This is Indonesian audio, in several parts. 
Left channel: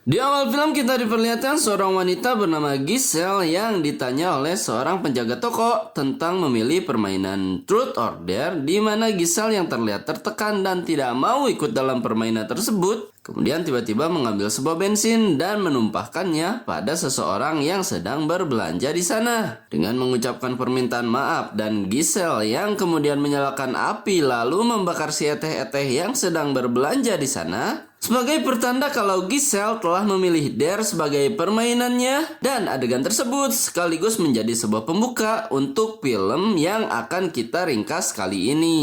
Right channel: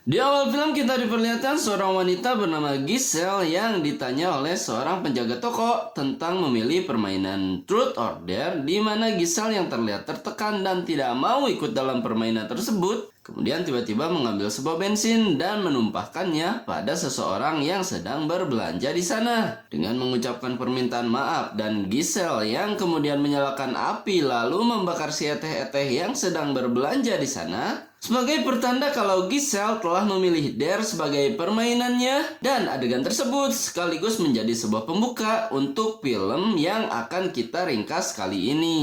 Di awal film kita diperlihatkan seorang wanita bernama Giselle yang ditanya oleh seorang penjaga toko tentang memilih permainan Truth or Dare, di mana Giselle yang terlihat tertekan dan tidak mau ikut dalam permainan tersebut kemudian tiba-tiba mengambil sebuah bensin dan menumpahkannya pada seseorang yang sedang berbelanja di sana. Dengan mengucapkan permintaan maaf, dan Giselle yang kemudian menyalakan api lalu membakar si eteh-eteh yang sedang berbelanja di sana sebagai pertanda kalau Giselle telah memilih Dare sebagai permainannya, dan adegan tersebut sekaligus menjadi sebuah pembuka untuk film yang akan kita ringkas kali ini.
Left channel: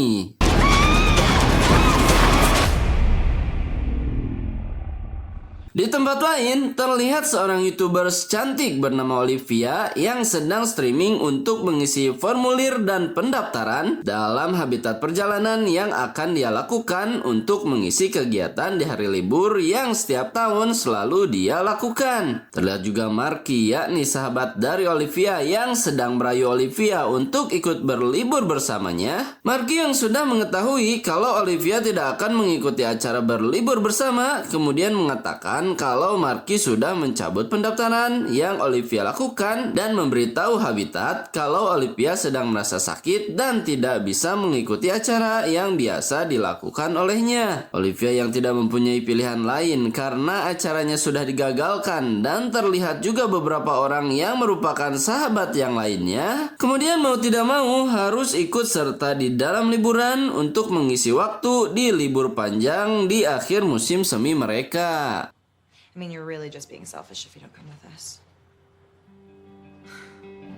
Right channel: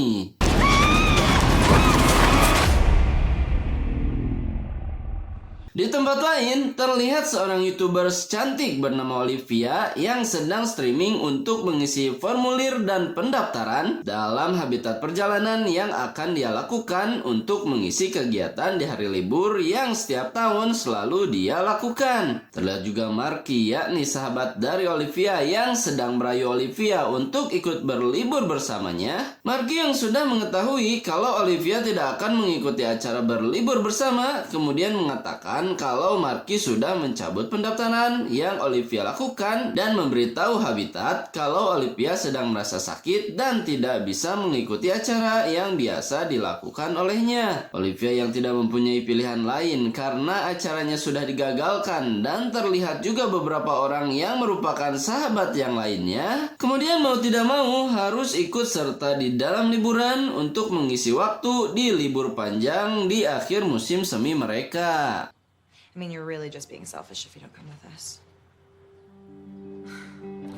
Di tempat lain, terlihat seorang YouTuber cantik bernama Olivia yang sedang streaming untuk mengisi formulir dan pendaftaran dalam habitat perjalanan yang akan dia lakukan untuk mengisi kegiatan di hari libur yang setiap tahun selalu dia lakukan. Terlihat juga Marky, yakni sahabat dari Olivia yang sedang merayu Olivia untuk ikut berlibur bersamanya. Marky yang sudah mengetahui kalau Olivia tidak akan mengikuti acara berlibur bersama, kemudian mengatakan kalau Marky sudah mencabut pendaftaran yang Olivia lakukan dan memberitahu Habitat kalau Olivia sedang merasa sakit dan tidak bisa mengikuti acara yang biasa dilakukan olehnya. Olivia yang tidak mempunyai pilihan lain karena acaranya sudah digagalkan dan terlihat juga beberapa orang yang merupakan sahabat yang lainnya kemudian mau tidak mau harus ikut serta di dalam liburan untuk mengisi waktu di libur panjang di akhir musim semi mereka. I mean, you're really just being selfish if you don't come with us.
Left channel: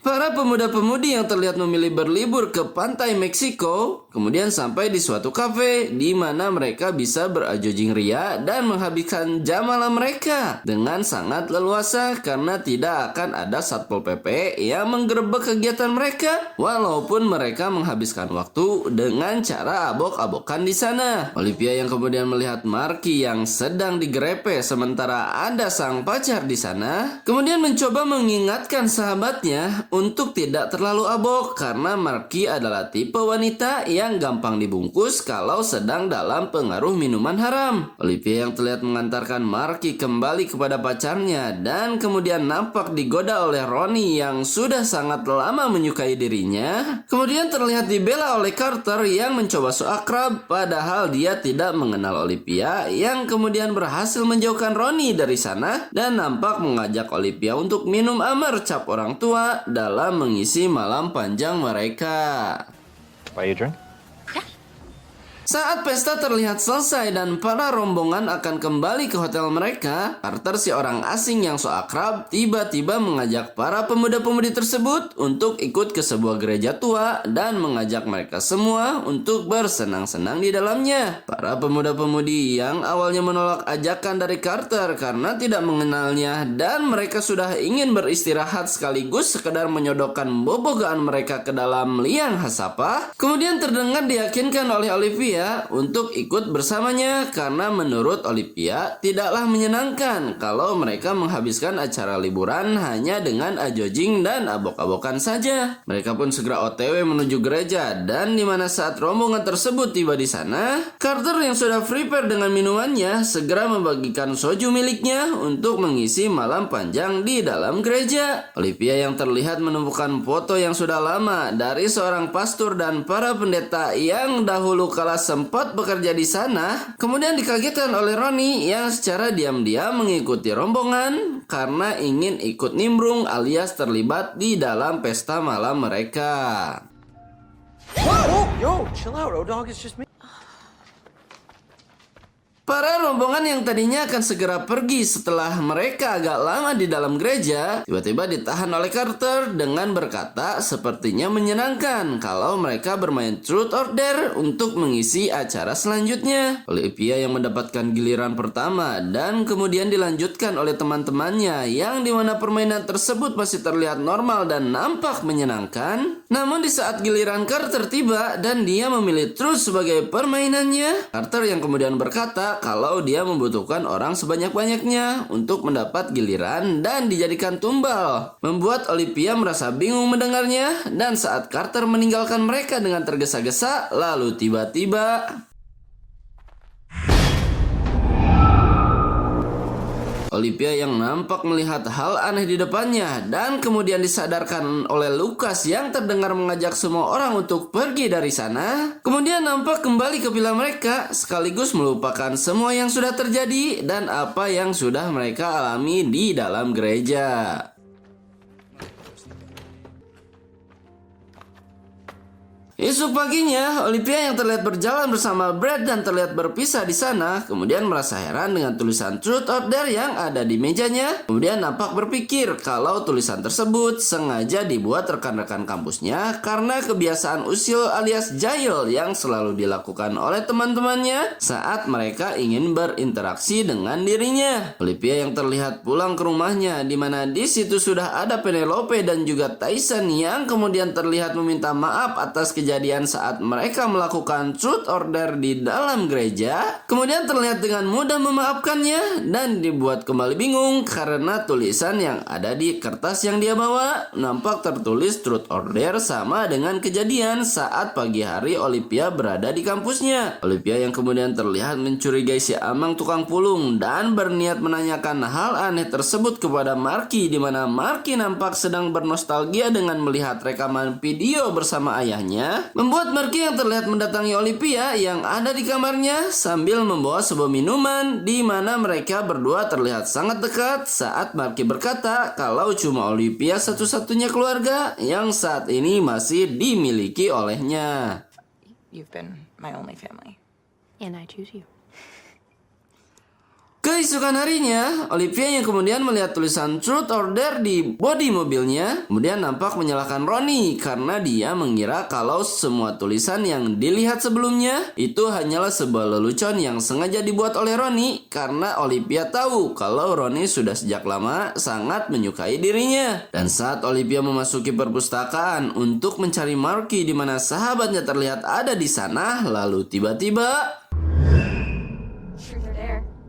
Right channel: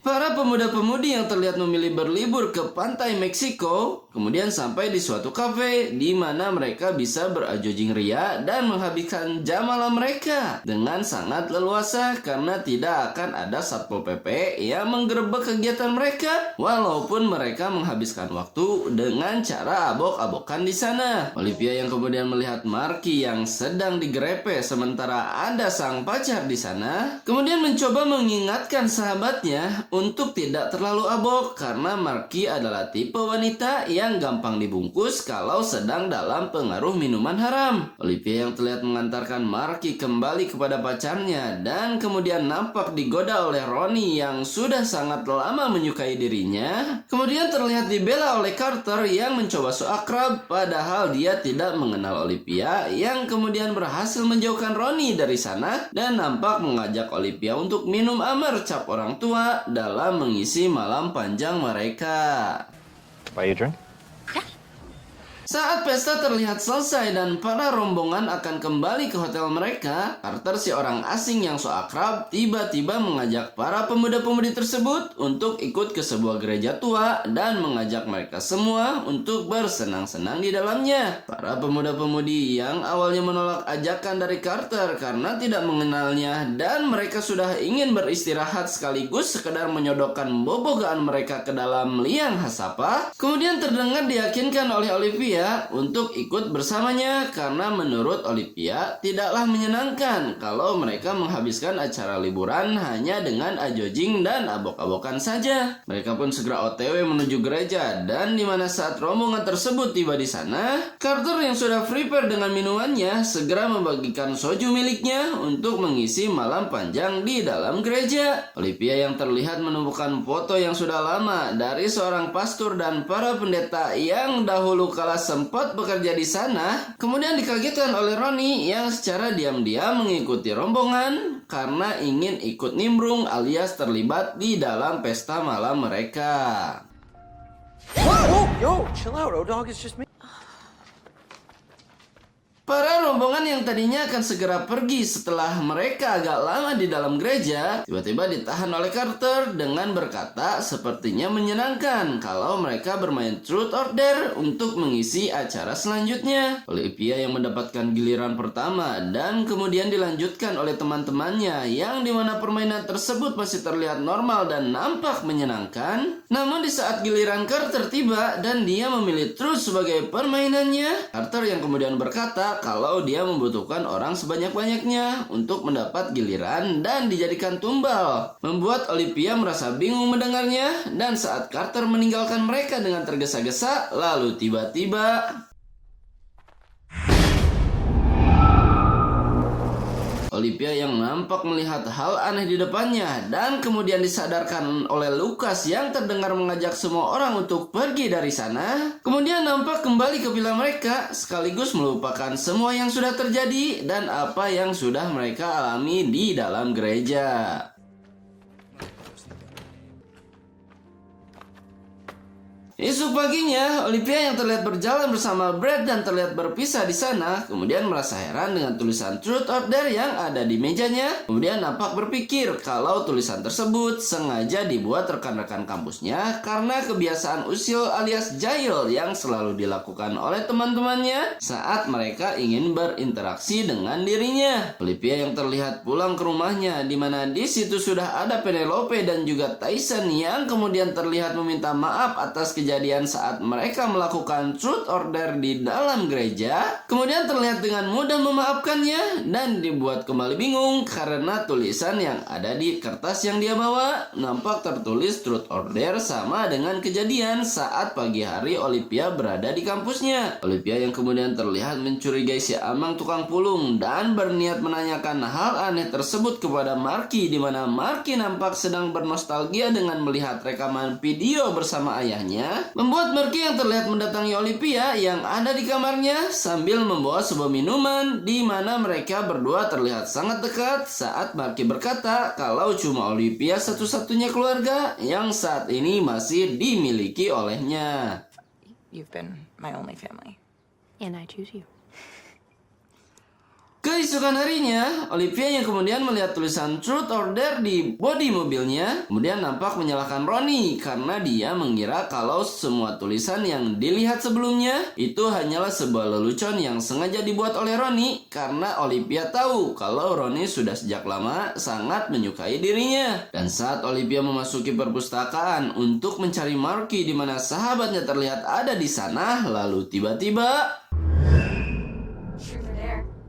Para pemuda-pemudi yang terlihat memilih berlibur ke pantai Meksiko, kemudian sampai di suatu kafe di mana mereka bisa berajojing ria dan menghabiskan jam malam mereka dengan sangat leluasa karena tidak akan ada Satpol PP yang menggerebek kegiatan mereka walaupun mereka menghabiskan waktu dengan cara abok-abokan di sana. Olivia yang kemudian melihat Marky yang sedang digrepe sementara ada sang pacar di sana, kemudian mencoba mengingatkan sahabatnya untuk tidak terlalu abok karena Marky adalah tipe wanita yang gampang dibungkus kalau sedang dalam pengaruh minuman haram. Olivia yang terlihat mengantarkan Marky kembali kepada pacarnya dan kemudian nampak digoda oleh Ronnie yang sudah sangat lama menyukai dirinya, kemudian terlihat dibela oleh Carter yang mencoba so akrab padahal dia tidak mengenal Olivia, yang kemudian berhasil menjauhkan Ronnie dari sana dan nampak mengajak Olivia untuk minum amer cap orang tua dalam mengisi malam panjang mereka. Buy you a drink? Saat pesta terlihat selesai dan para rombongan akan kembali ke hotel mereka, Carter, si orang asing yang so akrab, tiba-tiba mengajak para pemuda-pemudi tersebut untuk ikut ke sebuah gereja tua dan mengajak mereka semua untuk bersenang-senang di dalamnya. Para pemuda-pemudi yang awalnya menolak ajakan dari Carter karena tidak mengenalnya dan mereka sudah ingin beristirahat sekaligus sekedar menyodokkan bobogaan mereka ke dalam liang hasapa, kemudian terdengar diyakinkan oleh Olivia untuk ikut bersamanya karena menurut Olivia tidaklah menyenangkan kalau mereka menghabiskan acara liburan hanya dengan ajojing dan abok-abokan saja. Mereka pun segera OTW menuju gereja dan di mana saat rombongan tersebut tiba di sana, Carter yang sudah prepare dengan minumannya segera membagikan soju miliknya untuk mengisi malam panjang di dalam gereja. Olivia yang terlihat menemukan foto yang sudah lama dari seorang pastor dan para pendeta yang dahulu kala sempat bekerja di sana, kemudian dikagetkan oleh Ronnie yang secara diam-diam mengikuti rombongan karena ingin ikut nimbrung alias terlibat di dalam pesta malam mereka. Whoa, yo, chill out, O-Dog, it's just me. Para rombongan yang tadinya akan segera pergi setelah mereka agak lama di dalam gereja, tiba-tiba ditahan oleh Carter dengan berkata sepertinya menyenangkan kalau mereka bermain Truth or Dare untuk mengisi acara selanjutnya. Olivia yang mendapatkan giliran pertama dan kemudian dilanjutkan oleh teman-temannya yang dimana permainan tersebut masih terlihat normal dan nampak menyenangkan. Namun di saat giliran Carter tiba dan dia memilih Truth sebagai permainannya, Carter yang kemudian berkata kalau dia membutuhkan orang sebanyak-banyaknya untuk mendapat giliran dan dijadikan tumbal, membuat Olivia merasa bingung mendengarnya. Dan saat Carter meninggalkan mereka dengan tergesa-gesa, lalu tiba-tiba Olivia yang nampak melihat hal aneh di depannya dan kemudian disadarkan oleh Lucas yang terdengar mengajak semua orang untuk pergi dari sana. Kemudian nampak kembali ke villa mereka sekaligus melupakan semua yang sudah terjadi dan apa yang sudah mereka alami di dalam gereja. Esok paginya, Olivia yang terlihat berjalan bersama Brad dan terlihat berpisah di sana, kemudian merasa heran dengan tulisan Truth or Dare yang ada di mejanya. Kemudian nampak berpikir kalau tulisan tersebut sengaja dibuat rekan-rekan kampusnya karena kebiasaan usil alias jahil yang selalu dilakukan oleh teman-temannya saat mereka ingin berinteraksi dengan dirinya. Olivia yang terlihat pulang ke rumahnya, di mana di situ sudah ada Penelope dan juga Tyson yang kemudian terlihat meminta maaf atas kejadian saat mereka melakukan Truth or Dare di dalam gereja. Kemudian terlihat dengan mudah memaafkannya dan dibuat kembali bingung karena tulisan yang ada di kertas yang dia bawa nampak tertulis Truth or Dare sama dengan kejadian saat pagi hari Olivia berada di kampusnya. Olivia yang kemudian terlihat mencurigai si Amang tukang pulung dan berniat menanyakan hal aneh tersebut kepada Marky, di mana Marky nampak sedang bernostalgia dengan melihat rekaman video bersama ayahnya, membuat Marky yang terlihat mendatangi Olivia yang ada di kamarnya sambil membawa sebuah minuman, di mana mereka berdua terlihat sangat dekat saat Marky berkata kalau cuma Olivia satu-satunya keluarga yang saat ini masih dimiliki olehnya. You've been my only family. And I choose you. Keesokan harinya, Olivia yang kemudian melihat tulisan Truth or Dare di bodi mobilnya, kemudian nampak menyalahkan Ronnie karena dia mengira kalau semua tulisan yang dilihat sebelumnya itu hanyalah sebuah lelucon yang sengaja dibuat oleh Ronnie karena Olivia tahu kalau Ronnie sudah sejak lama sangat menyukai dirinya. Dan saat Olivia memasuki perpustakaan untuk mencari Marky di mana sahabatnya terlihat ada di sana, lalu tiba-tiba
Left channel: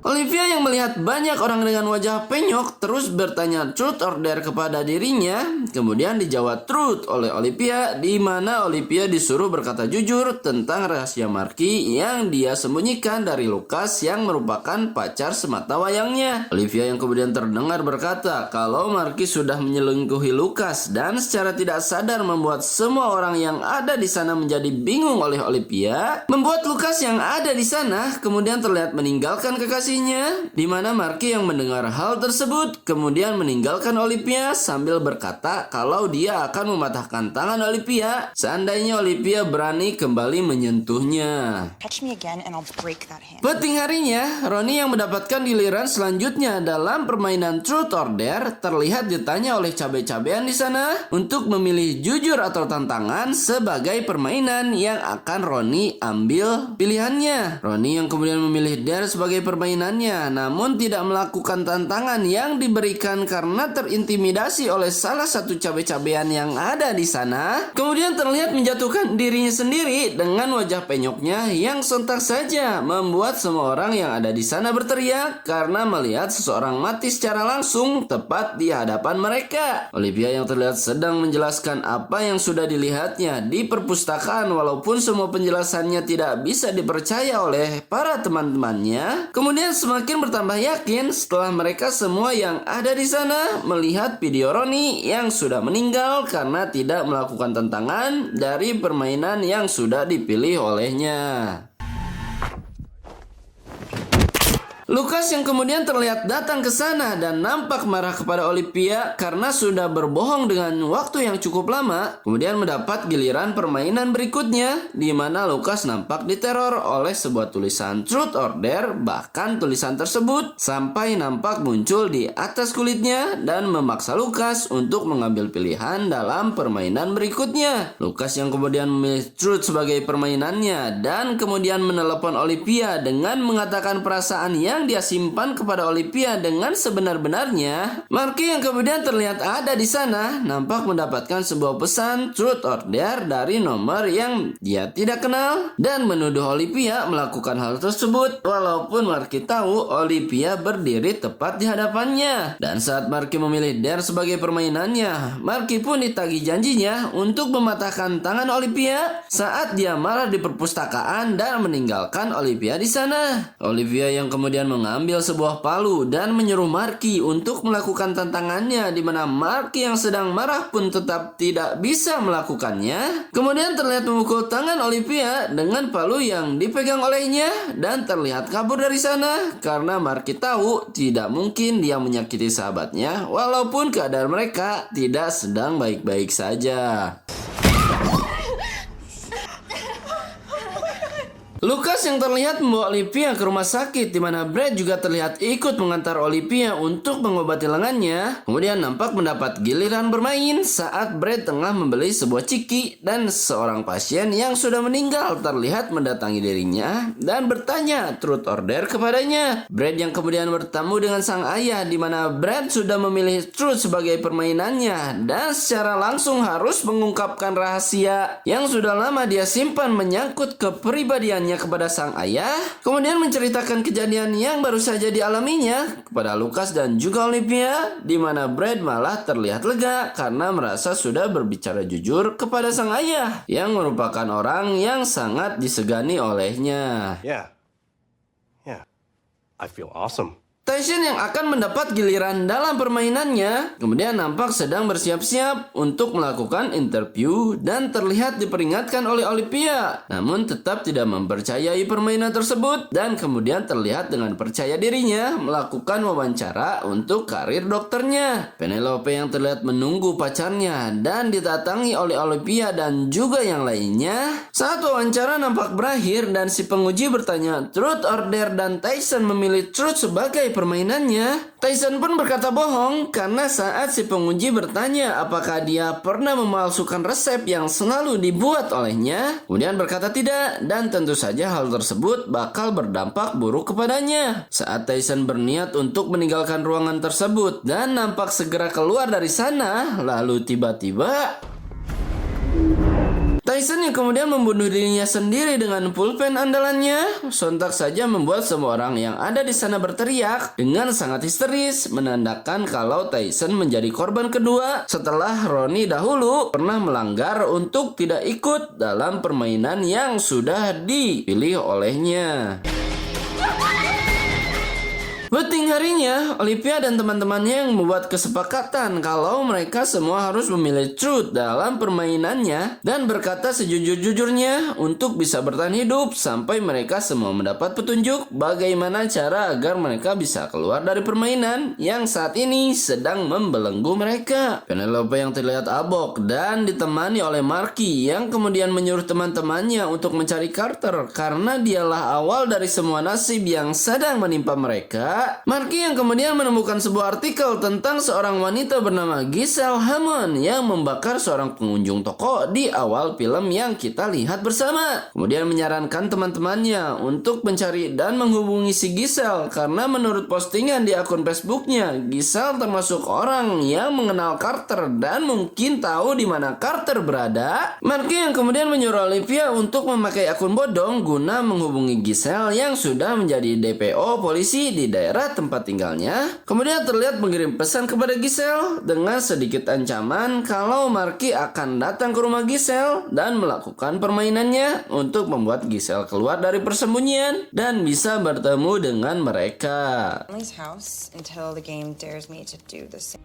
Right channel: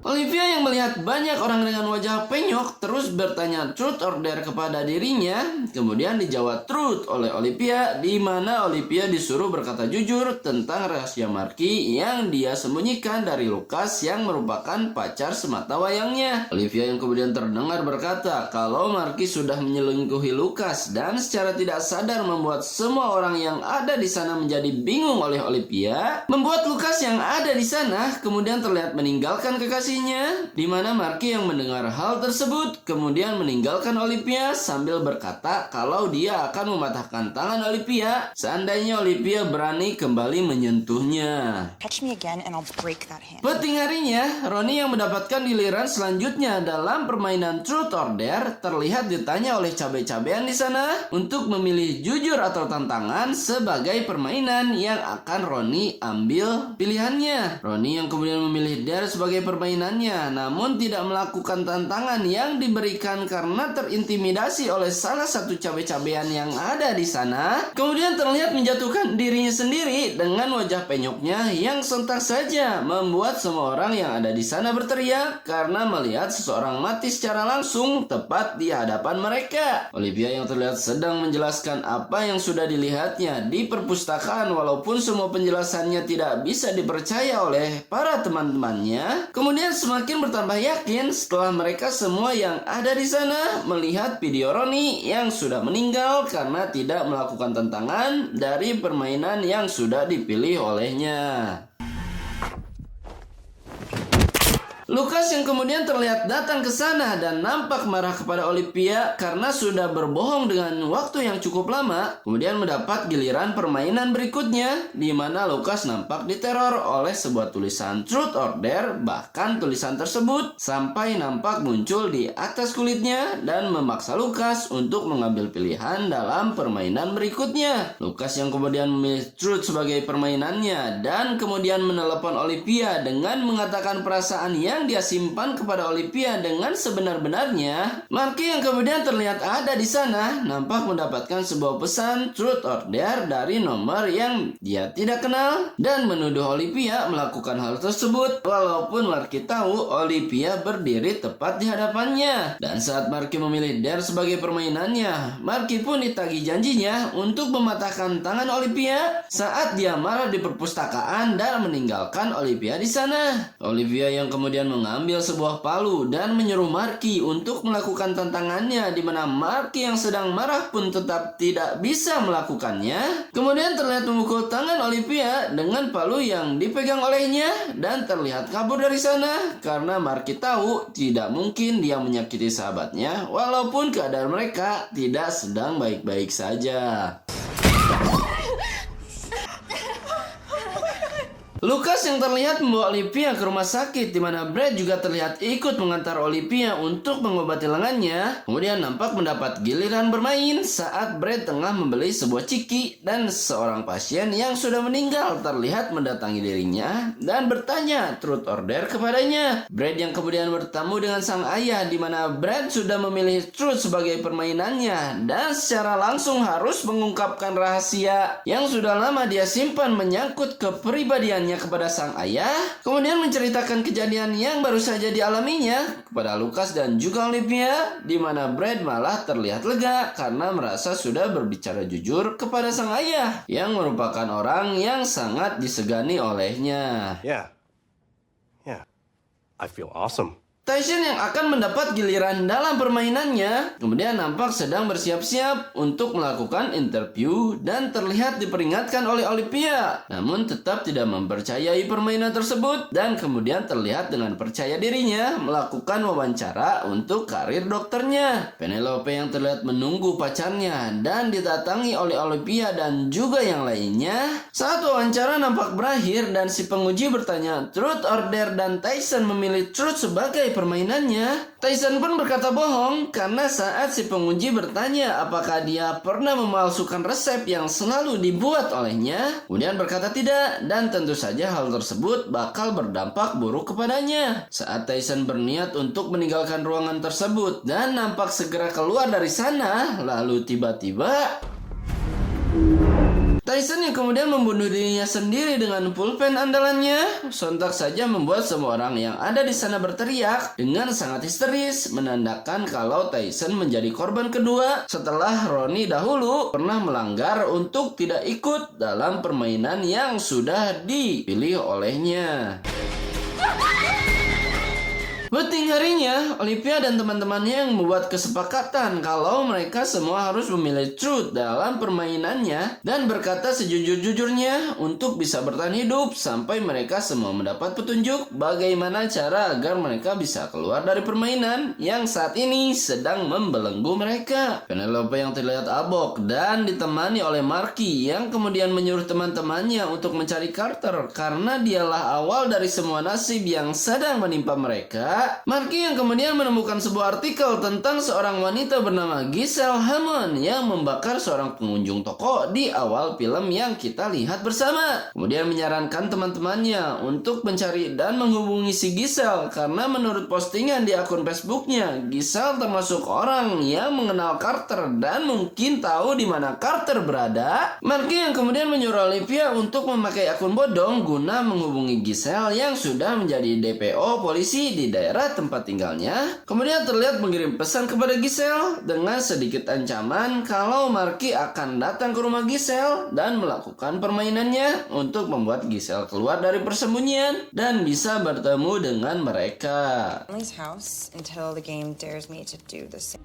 Olivia yang melihat banyak orang dengan wajah penyok terus bertanya Truth or Dare kepada dirinya. Kemudian dijawab Truth oleh Olivia, di mana Olivia disuruh berkata jujur tentang rahasia Marky yang dia sembunyikan dari Lucas yang merupakan pacar semata wayangnya. Olivia yang kemudian terdengar berkata kalau Marky sudah menyelingkuhi Lucas dan secara tidak sadar membuat semua orang yang ada di sana menjadi bingung oleh Olivia, membuat Lucas yang ada di sana kemudian terlihat meninggalkan kekasih, di mana Marky yang mendengar hal tersebut kemudian meninggalkan Olivia sambil berkata kalau dia akan mematahkan tangan Olivia seandainya Olivia berani kembali menyentuhnya. Touch me again and I'll break that hand. Penting harinya, Ronnie yang mendapatkan giliran selanjutnya dalam permainan Truth or Dare terlihat ditanya oleh cabai-cabean di sana untuk memilih jujur atau tantangan sebagai permainan yang akan Ronnie ambil pilihannya. Ronnie yang kemudian memilih Dare sebagai permainan, namun tidak melakukan tantangan yang diberikan karena terintimidasi oleh salah satu cabe-cabean yang ada di sana. Kemudian terlihat menjatuhkan dirinya sendiri dengan wajah penyoknya yang sontak saja membuat semua orang yang ada di sana berteriak karena melihat seseorang mati secara langsung tepat di hadapan mereka. Olivia yang terlihat sedang menjelaskan apa yang sudah dilihatnya di perpustakaan walaupun semua penjelasannya tidak bisa dipercaya oleh para teman-temannya, kemudian semakin bertambah yakin setelah mereka semua yang ada di sana melihat video Ronnie yang sudah meninggal karena tidak melakukan tantangan dari permainan yang sudah dipilih olehnya. Lucas yang kemudian terlihat datang ke sana dan nampak marah kepada Olivia karena sudah berbohong dengan waktu yang cukup lama. Kemudian mendapat giliran permainan berikutnya, di mana Lucas nampak diteror oleh sebuah tulisan Truth or Dare. Bahkan tulisan tersebut sampai nampak muncul di atas kulitnya dan memaksa Lucas untuk mengambil pilihan dalam permainan berikutnya. Lucas yang kemudian memilih Truth sebagai permainannya dan kemudian menelepon Olivia dengan mengatakan perasaan yang dia simpan kepada Olivia dengan sebenar-benarnya. Marky yang kemudian terlihat ada di sana nampak mendapatkan sebuah pesan Truth or Dare dari nomor yang dia tidak kenal dan menuduh Olivia melakukan hal tersebut walaupun Marky tahu Olivia berdiri tepat di hadapannya. Dan saat Marky memilih Dare sebagai permainannya, Marky pun ditagih janjinya untuk mematahkan tangan Olivia saat dia marah di perpustakaan dan meninggalkan Olivia di sana. Olivia yang kemudian mengambil sebuah palu dan menyuruh Marky untuk melakukan tantangannya, di mana Marky yang sedang marah pun tetap tidak bisa melakukannya. Kemudian terlihat memukul tangan Olivia dengan palu yang dipegang olehnya dan terlihat kabur dari sana karena Marky tahu tidak mungkin dia menyakiti sahabatnya walaupun keadaan mereka tidak sedang baik-baik saja. Lucas yang terlihat membawa Olivia ke rumah sakit, di mana Brad juga terlihat ikut mengantar Olivia untuk mengobati lengannya. Kemudian nampak mendapat giliran bermain saat Brad tengah membeli sebuah ciki dan seorang pasien yang sudah meninggal terlihat mendatangi dirinya dan bertanya truth or dare kepadanya. Brad yang kemudian bertemu dengan sang ayah, di mana Brad sudah memilih truth sebagai permainannya dan secara langsung harus mengungkapkan rahasia yang sudah lama dia simpan menyangkut kepribadiannya kepada sang ayah, kemudian menceritakan kejadian yang baru saja dialaminya kepada Lucas dan juga Olivia, di mana Brad malah terlihat lega karena merasa sudah berbicara jujur kepada sang ayah yang merupakan orang yang sangat disegani olehnya. Yeah, I feel awesome. Tyson yang akan mendapat giliran dalam permainannya kemudian nampak sedang bersiap-siap untuk melakukan interview dan terlihat diperingatkan oleh Olivia, namun tetap tidak mempercayai permainan tersebut dan kemudian terlihat dengan percaya dirinya melakukan wawancara untuk karir dokternya. Penelope yang terlihat menunggu pacarnya dan didatangi oleh Olivia dan juga yang lainnya. Saat wawancara nampak berakhir dan si penguji bertanya truth or dare dan Tyson memilih truth sebagai permainannya. Tyson pun berkata bohong karena saat si penguji bertanya apakah dia pernah memalsukan resep yang selalu dibuat olehnya, kemudian berkata tidak dan tentu saja hal tersebut bakal berdampak buruk kepadanya. Saat Tyson berniat untuk meninggalkan ruangan tersebut dan nampak segera keluar dari sana, lalu tiba-tiba Tyson yang kemudian membunuh dirinya sendiri dengan pulpen andalannya sontak saja membuat semua orang yang ada di sana berteriak dengan sangat histeris, menandakan kalau Tyson menjadi korban kedua setelah Ronnie dahulu pernah melanggar untuk tidak ikut dalam permainan yang sudah dipilih olehnya. Penting harinya, Olivia dan teman-temannya yang membuat kesepakatan kalau mereka semua harus memilih truth dalam permainannya dan berkata sejujur-jujurnya untuk bisa bertahan hidup sampai mereka semua mendapat petunjuk bagaimana cara agar mereka bisa keluar dari permainan yang saat ini sedang membelenggu mereka. Penelope yang terlihat abok dan ditemani oleh Marky yang kemudian menyuruh teman-temannya untuk mencari Carter karena dialah awal dari semua nasib yang sedang menimpa mereka. Marky yang kemudian menemukan sebuah artikel tentang seorang wanita bernama Giselle Hammond yang membakar seorang pengunjung toko di awal film yang kita lihat bersama. Kemudian menyarankan teman-temannya untuk mencari dan menghubungi si Giselle karena menurut postingan di akun Facebooknya, Giselle termasuk orang yang mengenal Carter dan mungkin tahu di mana Carter berada. Marky yang kemudian menyuruh Olivia untuk memakai akun bodong guna menghubungi Giselle yang sudah menjadi DPO polisi di daerah tempat tinggalnya. Kemudian terlihat mengirim pesan kepada Giselle dengan sedikit ancaman kalau Marky akan datang ke rumah Giselle dan melakukan permainannya untuk membuat Giselle keluar dari persembunyian dan bisa bertemu dengan mereka. Emily's house until the game dares me to do the same.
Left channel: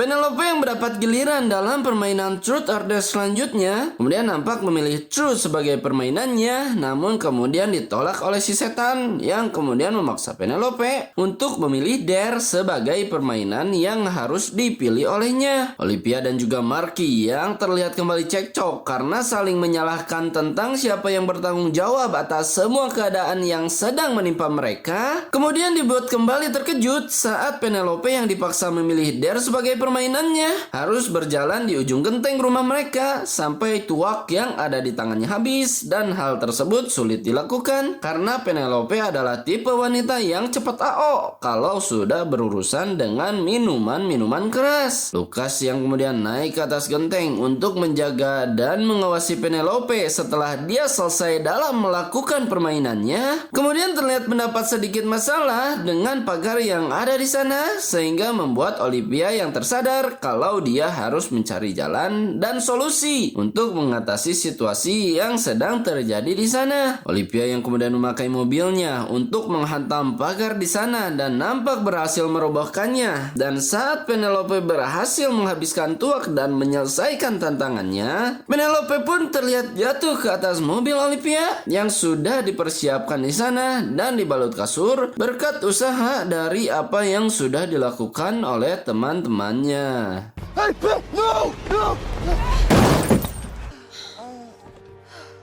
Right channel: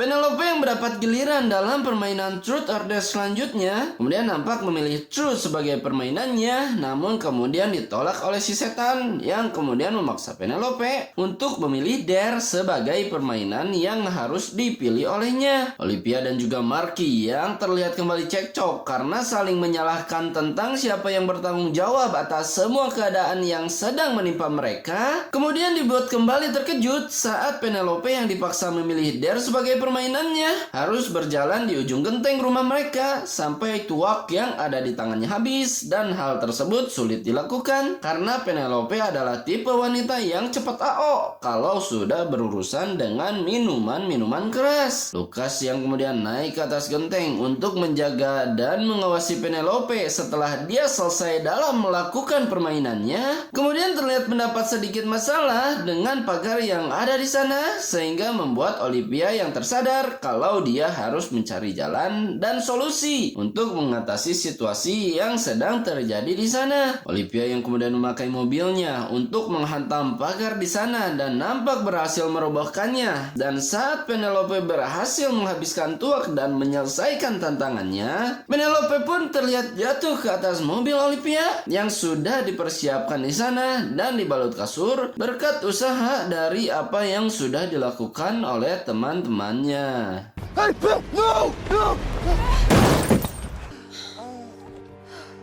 Penelope yang mendapat giliran dalam permainan Truth or Dare selanjutnya kemudian nampak memilih Truth sebagai permainannya, namun kemudian ditolak oleh si setan yang kemudian memaksa Penelope untuk memilih Dare sebagai permainan yang harus dipilih olehnya. Olivia dan juga Marky yang terlihat kembali cekcok karena saling menyalahkan tentang siapa yang bertanggung jawab atas semua keadaan yang sedang menimpa mereka, kemudian dibuat kembali terkejut saat Penelope yang dipaksa memilih Dare sebagai permainannya harus berjalan di ujung genteng rumah mereka sampai tuak yang ada di tangannya habis, dan hal tersebut sulit dilakukan karena Penelope adalah tipe wanita yang cepat AO kalau sudah berurusan dengan minuman-minuman keras. Lucas yang kemudian naik ke atas genteng untuk menjaga dan mengawasi Penelope setelah dia selesai dalam melakukan permainannya, kemudian terlihat mendapat sedikit masalah dengan pagar yang ada di sana sehingga membuat Olivia yang tersandung sadar kalau dia harus mencari jalan dan solusi untuk mengatasi situasi yang sedang terjadi di sana. Olivia yang kemudian memakai mobilnya untuk menghantam pagar di sana dan nampak berhasil merobohkannya. Dan saat Penelope berhasil menghabiskan tuak dan menyelesaikan tantangannya, Penelope pun terlihat jatuh ke atas mobil Olivia yang sudah dipersiapkan di sana dan dibalut kasur berkat usaha dari apa yang sudah dilakukan oleh teman-temannya. Hey, no! No!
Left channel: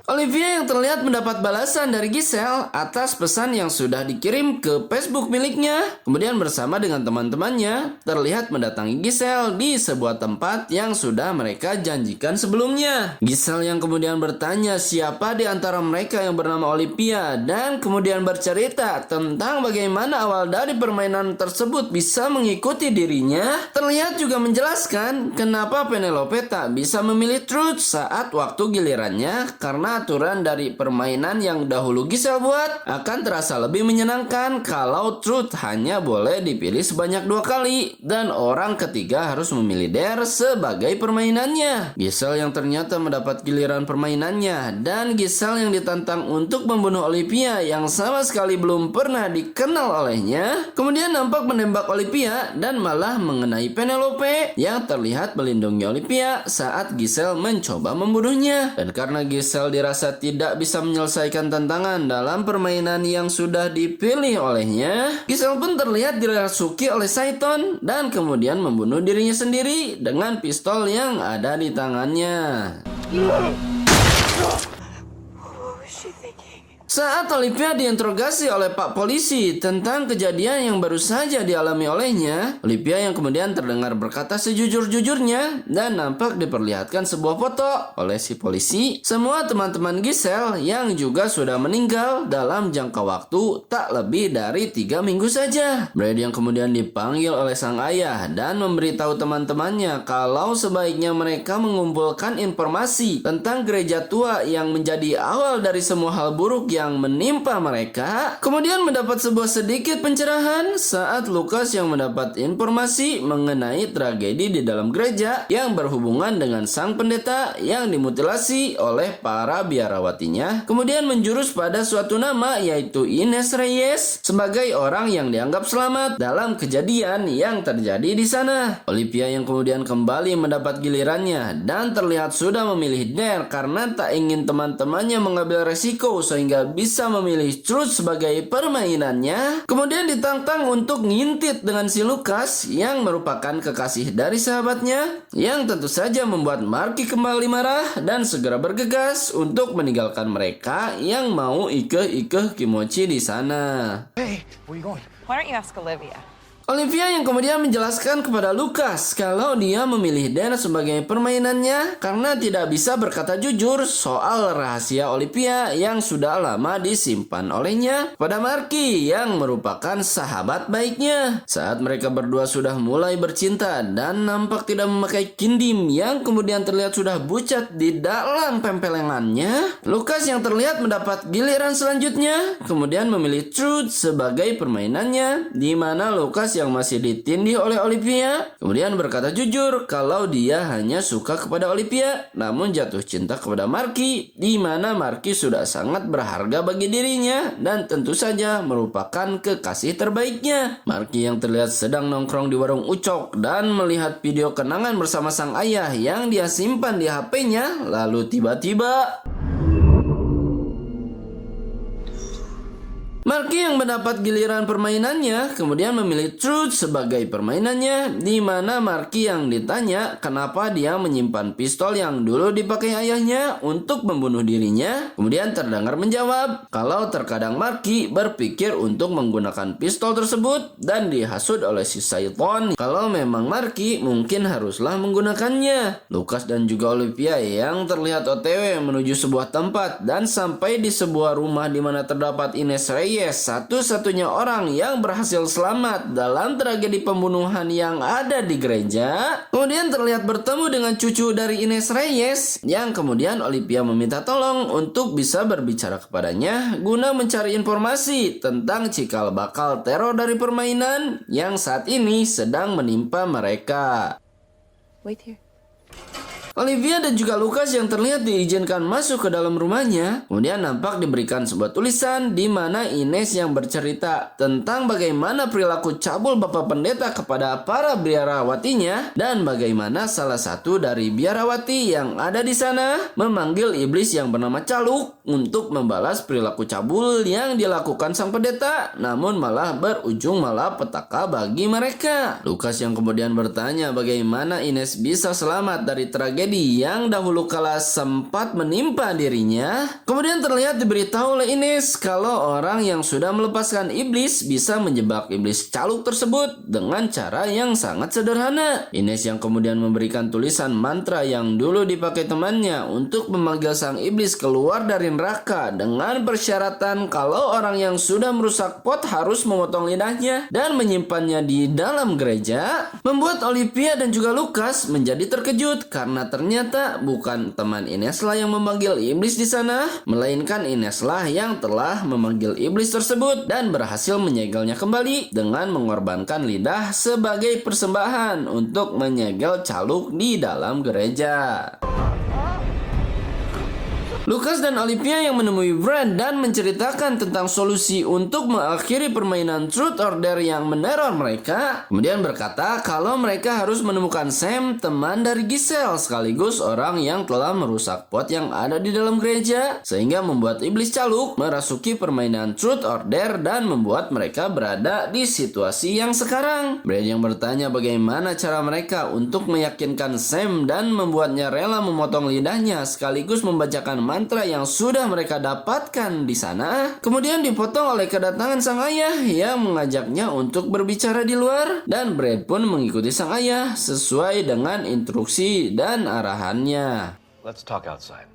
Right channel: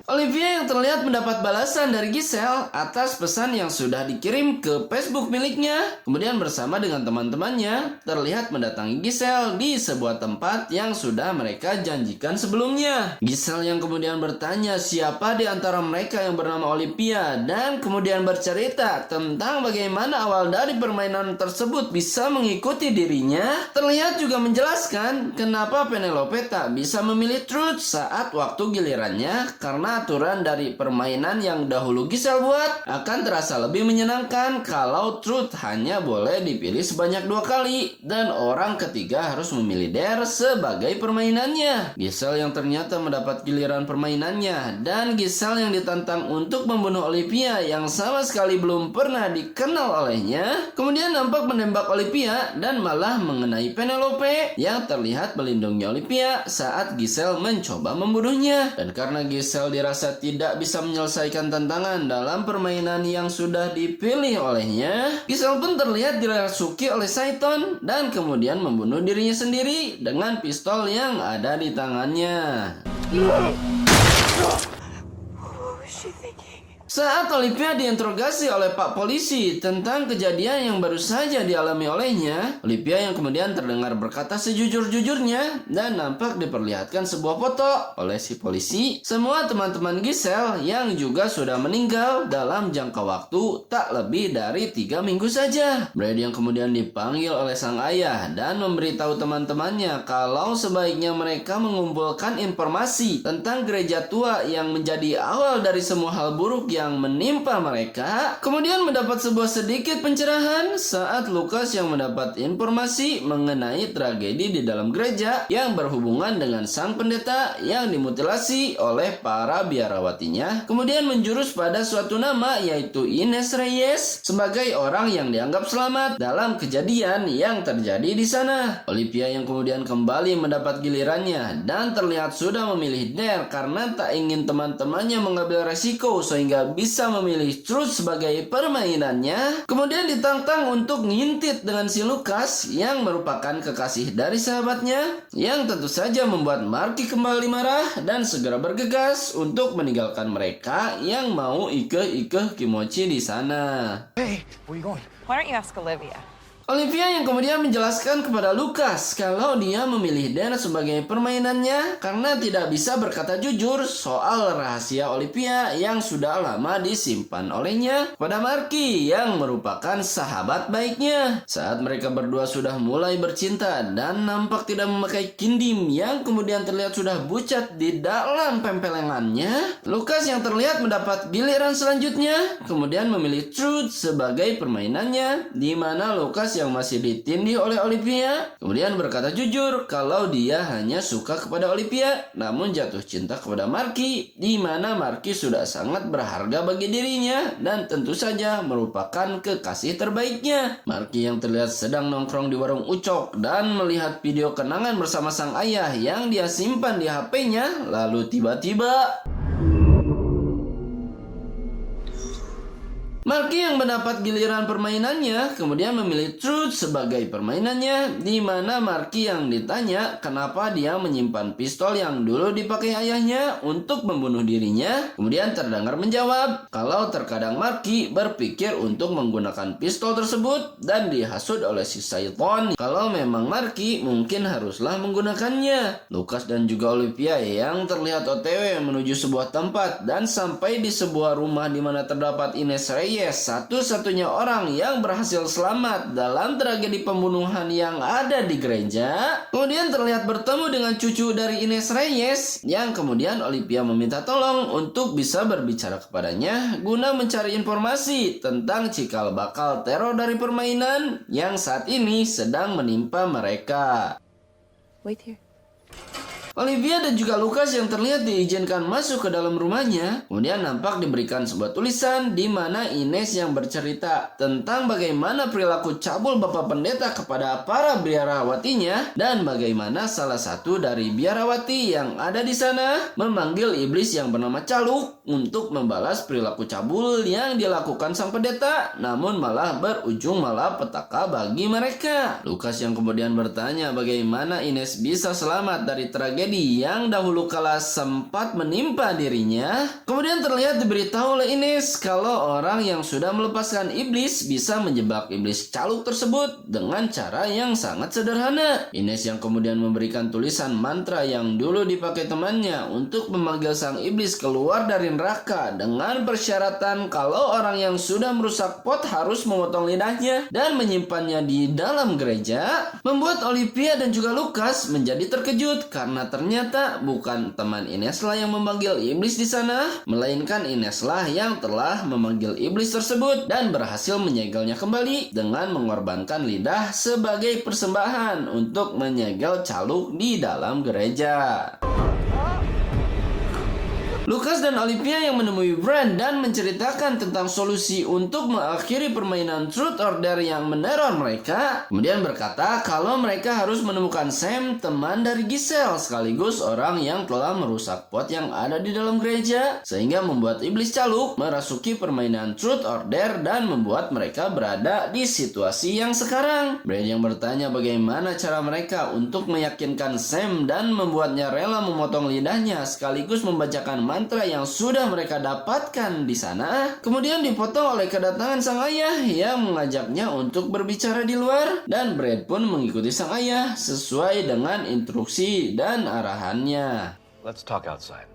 Olivia yang terlihat mendapat balasan dari Giselle atas pesan yang sudah dikirim ke Facebook miliknya. Kemudian bersama dengan teman-temannya terlihat mendatangi Giselle di sebuah tempat yang sudah mereka janjikan sebelumnya. Giselle yang kemudian bertanya siapa di antara mereka yang bernama Olivia dan kemudian bercerita tentang bagaimana awal dari permainan tersebut bisa mengikuti dirinya. Terlihat juga menjelaskan kenapa Penelope tak bisa memilih Truth saat waktu gilirannya karena aturan dari permainan yang dahulu Giselle buat akan terasa lebih menyenangkan kalau Truth hanya boleh dipilih sebanyak 2 kali dan orang ketiga harus memilih Dare sebagai permainannya. Giselle yang ternyata mendapat giliran permainannya dan Giselle yang ditantang untuk membunuh Olivia yang sama sekali belum pernah dikenal olehnya kemudian nampak menembak Olivia dan malah mengenai Penelope yang terlihat melindungi Olivia saat Giselle mencoba membunuhnya. Dan karena Giselle dirasa tidak bisa menyelesaikan tantangan dalam permainan yang sudah dipilih olehnya, Giselle pun terlihat dirasuki oleh Saiton dan kemudian membunuh dirinya sendiri dengan pistol yang ada di tangannya. Saat Olivia diinterogasi oleh Pak Polisi tentang kejadian yang baru saja dialami olehnya, Olivia yang kemudian terdengar berkata sejujur-jujurnya dan nampak diperlihatkan sebuah foto oleh si polisi semua teman-teman Giselle yang juga sudah meninggal dalam jangka waktu tak lebih dari 3 minggu saja. Brad yang kemudian dipanggil oleh sang ayah dan memberitahu teman-temannya kalau sebaiknya mereka mengumpulkan informasi tentang gereja tua yang menjadi awal dari semua hal buruk yang menimpa mereka. Kemudian mendapat sebuah sedikit pencerahan saat Lucas yang mendapat informasi mengenai tragedi di dalam gereja yang berhubungan dengan sang pendeta yang dimutilasi oleh para biarawatinya, kemudian menjurus pada suatu nama yaitu Ines Reyes sebagai orang yang dianggap selamat dalam kejadian yang terjadi di sana. Olivia yang kemudian kembali mendapat gilirannya dan terlihat sudah memilih Dare karena tak ingin teman-temannya mengambil resiko sehingga bisa memilih Truth sebagai permainannya. Kemudian ditantang untuk ngintit dengan si Lucas yang merupakan kekasih dari sahabatnya, yang tentu saja membuat Marky kembali marah dan segera bergegas untuk meninggalkan mereka yang mau ikeh-ikeh kimochi di sana. Hey, where you going? Why don't you ask Olivia? Olivia yang kemudian menjelaskan kepada Lucas kalau dia memilih Dare sebagai permainannya karena tidak bisa berkata jujur soal rahasia Olivia yang sudah lama disimpan olehnya pada Marky yang merupakan sahabat baiknya. Saat mereka berdua sudah mulai bercinta dan nampak tidak memakai kindim yang kemudian terlihat sudah bucat di dalam pempelengannya, Lucas yang terlihat mendapat giliran selanjutnya kemudian memilih Truth sebagai permainannya, di mana Lucas yang masih ditindih oleh Olivia kemudian berkata jujur kalau dia hanya suka kepada Olivia namun jatuh cinta kepada Marky, di mana Marky sudah sangat berharga bagi dirinya dan tentu saja merupakan kekasih terbaiknya. Marky yang terlihat sedang nongkrong di warung Ucok dan melihat video kenangan bersama sang ayah yang dia simpan di HP-nya, lalu tiba-tiba Marky yang mendapat giliran permainannya kemudian memilih Truth sebagai permainannya, di mana Marky yang ditanya kenapa dia menyimpan pistol yang dulu dipakai ayahnya untuk membunuh dirinya, kemudian terdengar menjawab kalau terkadang Marky berpikir untuk menggunakan pistol tersebut dan dihasut oleh si Saiton kalau memang Marky mungkin haruslah menggunakannya. Lucas dan juga Olivia yang terlihat OTW menuju sebuah tempat dan sampai di sebuah rumah di mana terdapat Ines Reyes, satu-satunya orang yang berhasil selamat dalam tragedi pembunuhan yang ada di gereja. Kemudian terlihat bertemu dengan cucu dari Ines Reyes yang kemudian Olivia meminta tolong untuk bisa berbicara kepadanya guna mencari informasi tentang cikal bakal teror dari permainan yang saat ini sedang menimpa mereka. Wait here. Olivia dan juga Lucas yang terlihat diizinkan masuk ke dalam rumahnya, kemudian nampak diberikan sebuah tulisan di mana Ines yang bercerita tentang bagaimana perilaku cabul Bapak Pendeta kepada para biarawatinya dan bagaimana salah satu dari biarawati yang ada di sana memanggil iblis yang bernama Caluk untuk membalas perilaku cabul yang dilakukan sang pendeta, namun malah berujung malapetaka bagi mereka. Lucas yang kemudian bertanya bagaimana Ines bisa selamat dari tragedi yang dahulu kala sempat menimpa dirinya. Kemudian terlihat diberitahu oleh Ines kalau orang yang sudah melepaskan iblis bisa menjebak iblis Caluk tersebut dengan cara yang sangat sederhana. Ines yang kemudian memberikan tulisan mantra yang dulu dipakai temannya untuk memanggil sang iblis keluar dari neraka dengan persyaratan kalau orang yang sudah merusak pot harus memotong lidahnya dan menyimpannya di dalam gereja, membuat Olivia dan juga Lucas menjadi terkejut karena ternyata bukan teman Ineslah yang memanggil iblis di sana, melainkan Ineslah yang telah memanggil iblis tersebut dan berhasil menyegelnya kembali dengan mengorbankan lidah sebagai persembahan untuk menyegel Caluk di dalam gereja. Lucas dan Olivia yang menemui Brad dan menceritakan tentang solusi untuk mengakhiri permainan Truth or Dare yang meneror mereka, kemudian berkata kalau mereka harus menemukan Sam, teman dari Giselle, sekaligus orang yang telah merusak pot yang ada di dalam gereja, sehingga membuat iblis Caluk merasuki permainan Truth or Dare dan membuat mereka berada di situasi yang sekarang. Brad yang bertanya bagaimana cara mereka untuk meyakinkan Sam dan membuatnya rela memotong lidahnya sekaligus membacakan mantra yang sudah mereka dapatkan di sana, kemudian dipotong oleh kedatangan sang ayah yang mengajaknya untuk berbicara di luar, dan Brad pun mengikuti sang ayah sesuai dengan instruksi dan arahannya. Let's talk outside.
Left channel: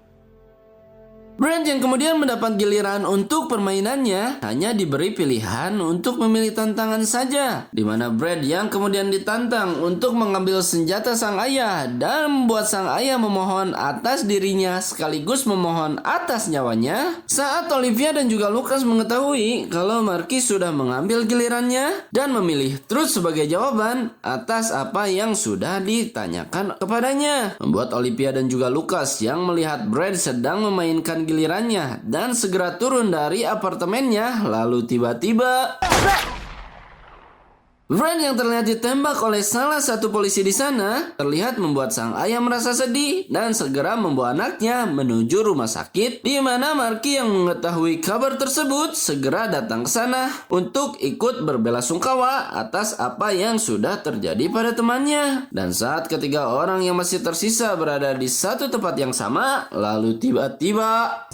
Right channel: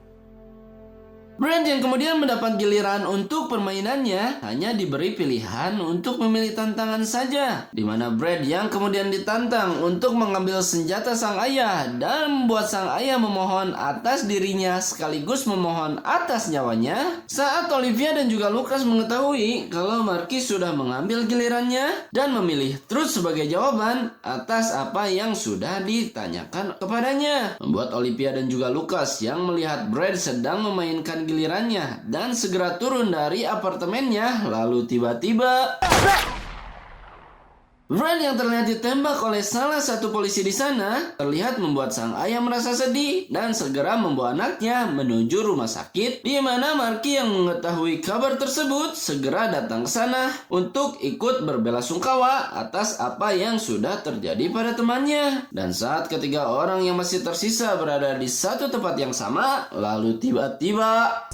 Brad yang kemudian mendapat giliran untuk permainannya hanya diberi pilihan untuk memilih tantangan saja, di mana Brad yang kemudian ditantang untuk mengambil senjata sang ayah dan membuat sang ayah memohon atas dirinya sekaligus memohon atas nyawanya. Saat Olivia dan juga Lucas mengetahui kalau Marky sudah mengambil gilirannya dan memilih Truth sebagai jawaban atas apa yang sudah ditanyakan kepadanya, membuat Olivia dan juga Lucas yang melihat Brad sedang memainkan gilirannya dan segera turun dari apartemennya. Lalu tiba-tiba Brad yang terlihat ditembak oleh salah satu polisi di sana terlihat membuat sang ayah merasa sedih dan segera membawa anaknya menuju rumah sakit, di mana Marky yang mengetahui kabar tersebut segera datang ke sana untuk ikut berbelasungkawa atas apa yang sudah terjadi pada temannya. Dan saat ketiga orang yang masih tersisa berada di satu tempat yang sama, lalu tiba-tiba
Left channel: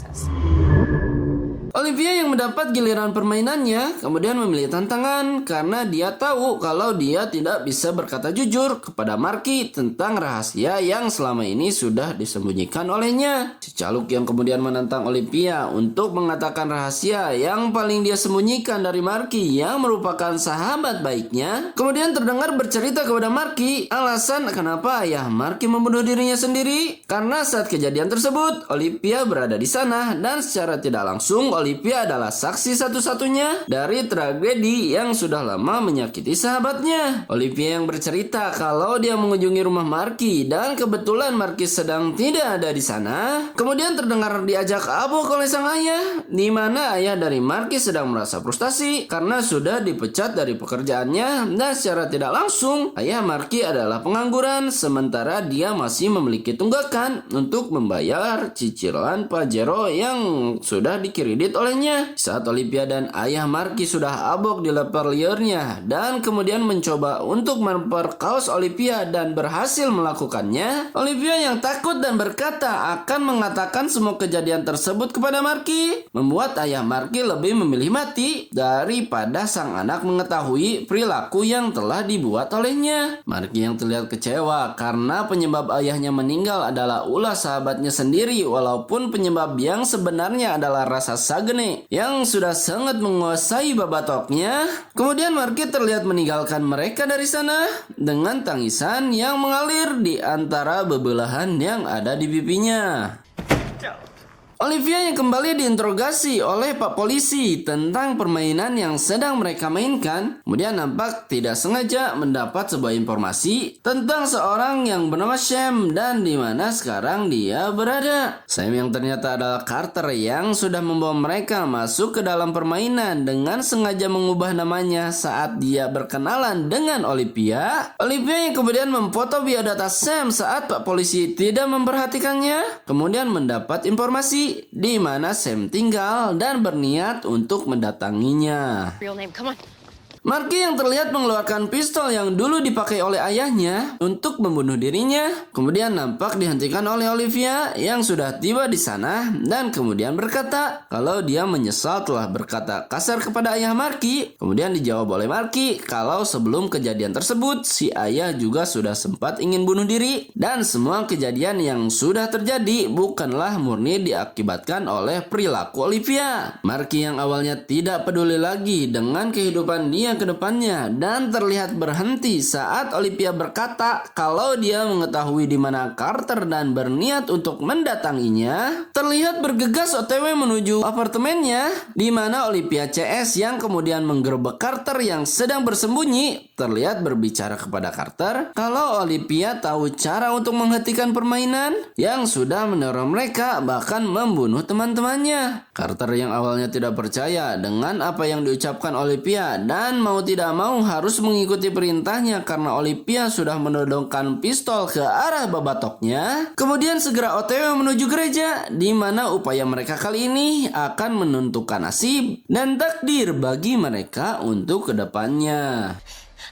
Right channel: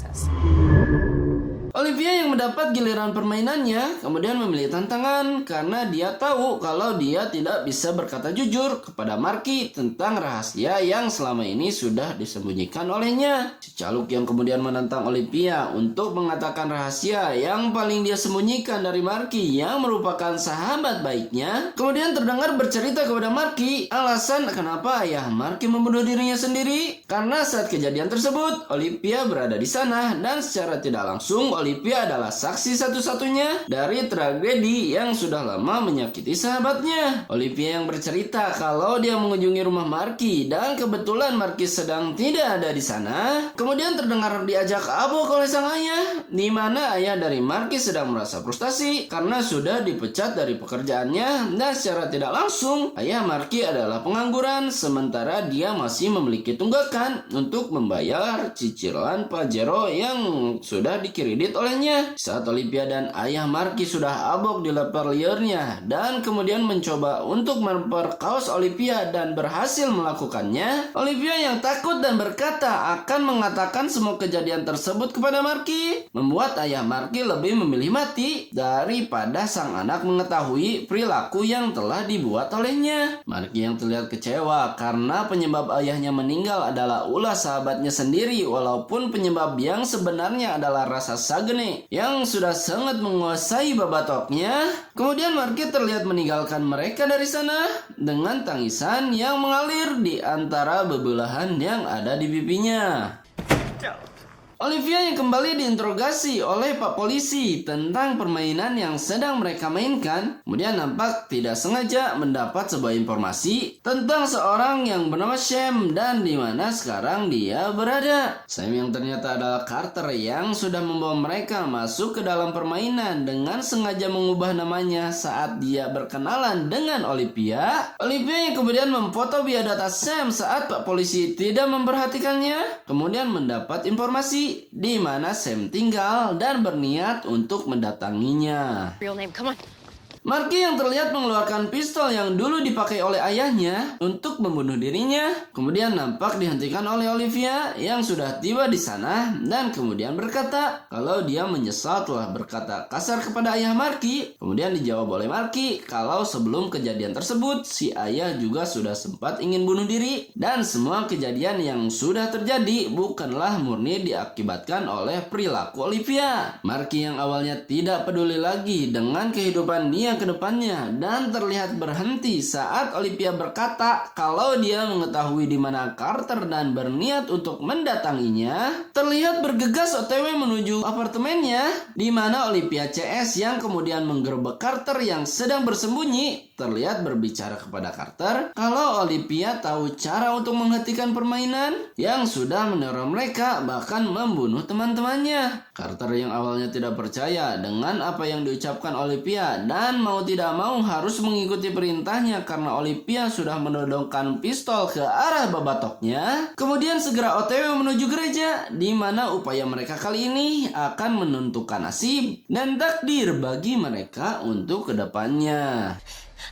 Olivia yang mendapat giliran permainannya kemudian memilih tantangan karena dia tahu kalau dia tidak bisa berkata jujur kepada Marky tentang rahasia yang selama ini sudah disembunyikan olehnya. Si Caluk yang kemudian menantang Olivia untuk mengatakan rahasia yang paling dia sembunyikan dari Marky yang merupakan sahabat baiknya, kemudian terdengar bercerita kepada Marky alasan kenapa ayah Marky membunuh dirinya sendiri, karena saat kejadian tersebut Olivia berada di sana dan secara tidak langsung Olivia adalah saksi satu-satunya dari tragedi yang sudah lama menyakiti sahabatnya. Olivia yang bercerita kalau dia mengunjungi rumah Marky dan kebetulan Marky sedang tidak ada di sana. Kemudian terdengar diajak abuk oleh sang ayah, di mana ayah dari Marky sedang merasa frustasi karena sudah dipecat dari pekerjaannya dan secara tidak langsung ayah Marky adalah pengangguran sementara dia masih memiliki tunggakan untuk membayar cicilan Pajero yang sudah dikredit olehnya. Saat Olivia dan ayah Marky sudah abok di leper liurnya dan kemudian mencoba untuk memperkaos Olivia dan berhasil melakukannya, Olivia yang takut dan berkata akan mengatakan semua kejadian tersebut kepada Marky, membuat ayah Marky lebih memilih mati daripada sang anak mengetahui perilaku yang telah dibuat olehnya. Marky yang terlihat kecewa karena penyebab ayahnya meninggal adalah ulah sahabatnya sendiri, walaupun penyebab yang sebenarnya adalah rasa Sagne yang sudah sangat menguasai babatoknya. Kemudian Marky terlihat meninggalkan mereka dari sana dengan tangisan yang mengalir di antara bebelahan yang ada di pipinya. Olivia yang kembali diinterogasi oleh Pak Polisi tentang permainan yang sedang mereka mainkan, kemudian nampak tidak sengaja mendapat sebuah informasi tentang seorang yang bernama Sam dan di mana sekarang dia berada. Sam yang ternyata adalah Carter yang sudah membawa mereka masuk ke dalam permainan dengan sengaja mengubah namanya saat dia berkenalan dengan Olivia. Olivia yang kemudian memfoto biodata Sam saat Pak Polisi tidak memperhatikannya, kemudian mendapat informasi di mana Sam tinggal dan berniat untuk mendatanginya. Real name, come on. Marky yang terlihat mengeluarkan pistol yang dulu dipakai oleh ayahnya untuk membunuh dirinya, kemudian nampak dihentikan oleh Olivia yang sudah tiba di sana dan kemudian berkata kalau dia menyesal telah berkata kasar kepada ayah Marky. Kemudian dijawab oleh Marky kalau sebelum kejadian tersebut si ayah juga sudah sempat ingin bunuh diri dan semua kejadian yang sudah terjadi bukanlah murni diakibatkan oleh perilaku Olivia. Marky yang awalnya tidak peduli lagi dengan kehidupan dia ke depannya dan terlihat berhenti saat Olivia berkata kalau dia mengetahui di mana Carter dan berniat untuk mendatanginya. Terlihat bergegas OTW menuju apartemennya di mana Olivia CS yang kemudian menggerebek Carter yang sedang bersembunyi terlihat berbicara kepada Carter kalau Olivia tahu cara untuk menghentikan permainan yang sudah meneror mereka bahkan membunuh teman-temannya. Carter yang awalnya tidak percaya dengan apa yang diucapkan Olivia dan mau tidak mau harus mengikuti perintahnya karena Olivia sudah menodongkan pistol ke arah babatoknya. Kemudian segera OTW menuju gereja di mana upaya mereka kali ini akan menentukan nasib dan takdir bagi mereka untuk kedepannya.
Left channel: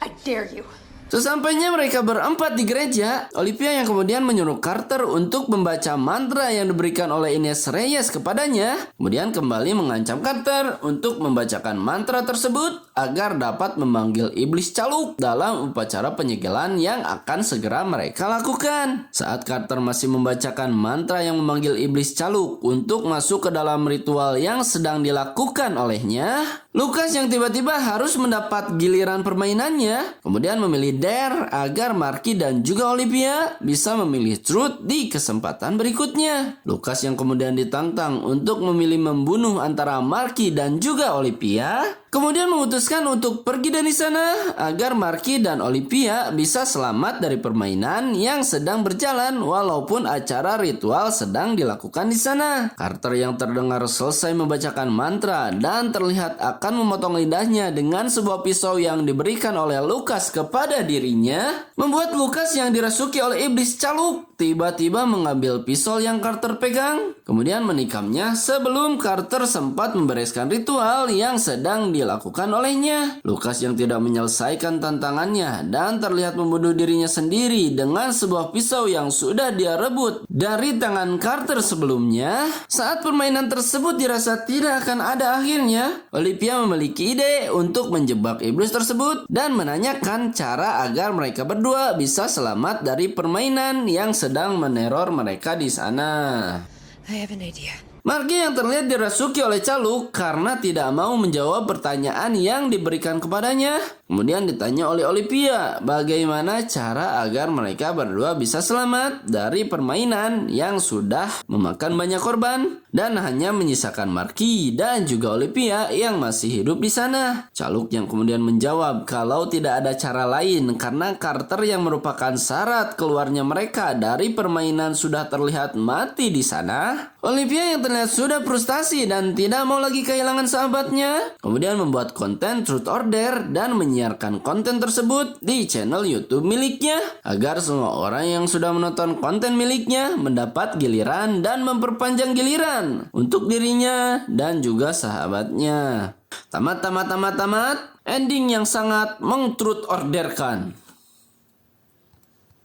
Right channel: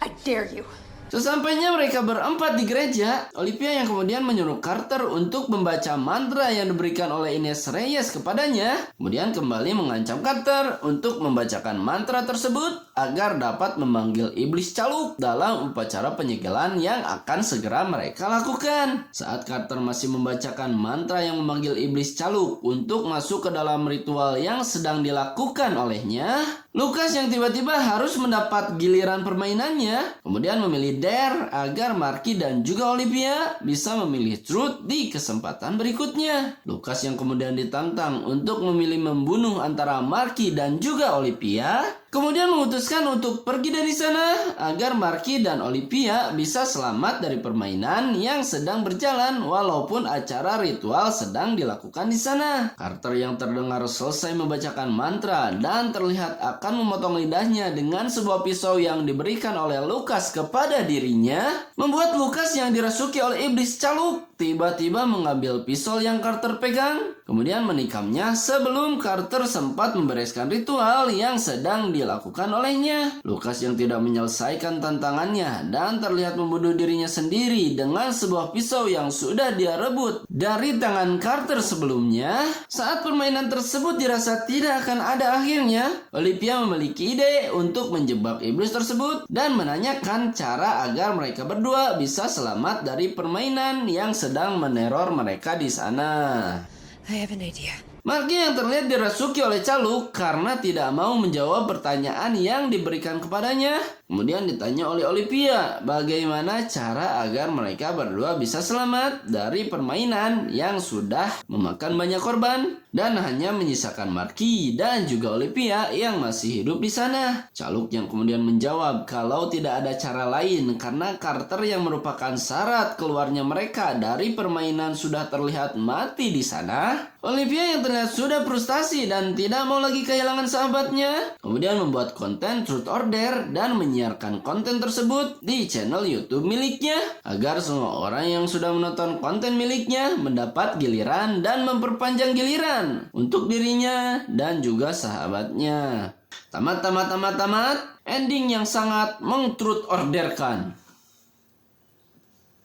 I dare you. Sesampainya mereka berempat di gereja, Olivia yang kemudian menyuruh Carter untuk membaca mantra yang diberikan oleh Ines Reyes kepadanya, kemudian kembali mengancam Carter untuk membacakan mantra tersebut agar dapat memanggil iblis caluk dalam upacara penyegelan yang akan segera mereka lakukan. Saat Carter masih membacakan mantra yang memanggil iblis caluk untuk masuk ke dalam ritual yang sedang dilakukan olehnya, Lucas yang tiba-tiba harus mendapat giliran permainannya, kemudian memilih Dare agar Marky dan juga Olivia bisa memilih Truth di kesempatan berikutnya. Lucas yang kemudian ditantang untuk memilih membunuh antara Marky dan juga Olivia, kemudian memutuskan untuk pergi dari sana agar Marky dan Olivia bisa selamat dari permainan yang sedang berjalan walaupun acara ritual sedang dilakukan di sana. Carter yang terdengar selesai membacakan mantra dan terlihat akan memotong lidahnya dengan sebuah pisau yang diberikan oleh Lucas kepada dirinya, membuat Lucas yang dirasuki oleh iblis caluk tiba-tiba mengambil pisau yang Carter pegang, kemudian menikamnya sebelum Carter sempat membereskan ritual yang sedang dilakukan olehnya. Lucas yang tidak menyelesaikan tantangannya dan terlihat membunuh dirinya sendiri dengan sebuah pisau yang sudah dia rebut dari tangan Carter sebelumnya. Saat permainan tersebut dirasa tidak akan ada akhirnya, Olivia memiliki ide untuk menjebak iblis tersebut dan menanyakan cara agar mereka berdua bisa selamat dari permainan yang sedang meneror mereka di sana. I have an idea. Marky yang terlihat dirasuki oleh caluk karena tidak mau menjawab pertanyaan yang diberikan kepadanya. Kemudian ditanya oleh Olivia bagaimana cara agar mereka berdua bisa selamat dari permainan yang sudah memakan banyak korban dan hanya menyisakan Marky dan juga Olivia yang masih hidup di sana. Caluk yang kemudian menjawab kalau tidak ada cara lain karena Carter yang merupakan syarat keluarnya mereka dari permainan sudah terlihat mati di sana. Olivia yang terlihat sudah frustasi dan tidak mau lagi kehilangan sahabatnya, kemudian membuat konten Truth or Dare dan menyiarkan konten tersebut di channel YouTube miliknya agar semua orang yang sudah menonton konten miliknya mendapat giliran dan memperpanjang giliran untuk dirinya dan juga sahabatnya. Tamat. Ending yang sangat meng-truth orderkan.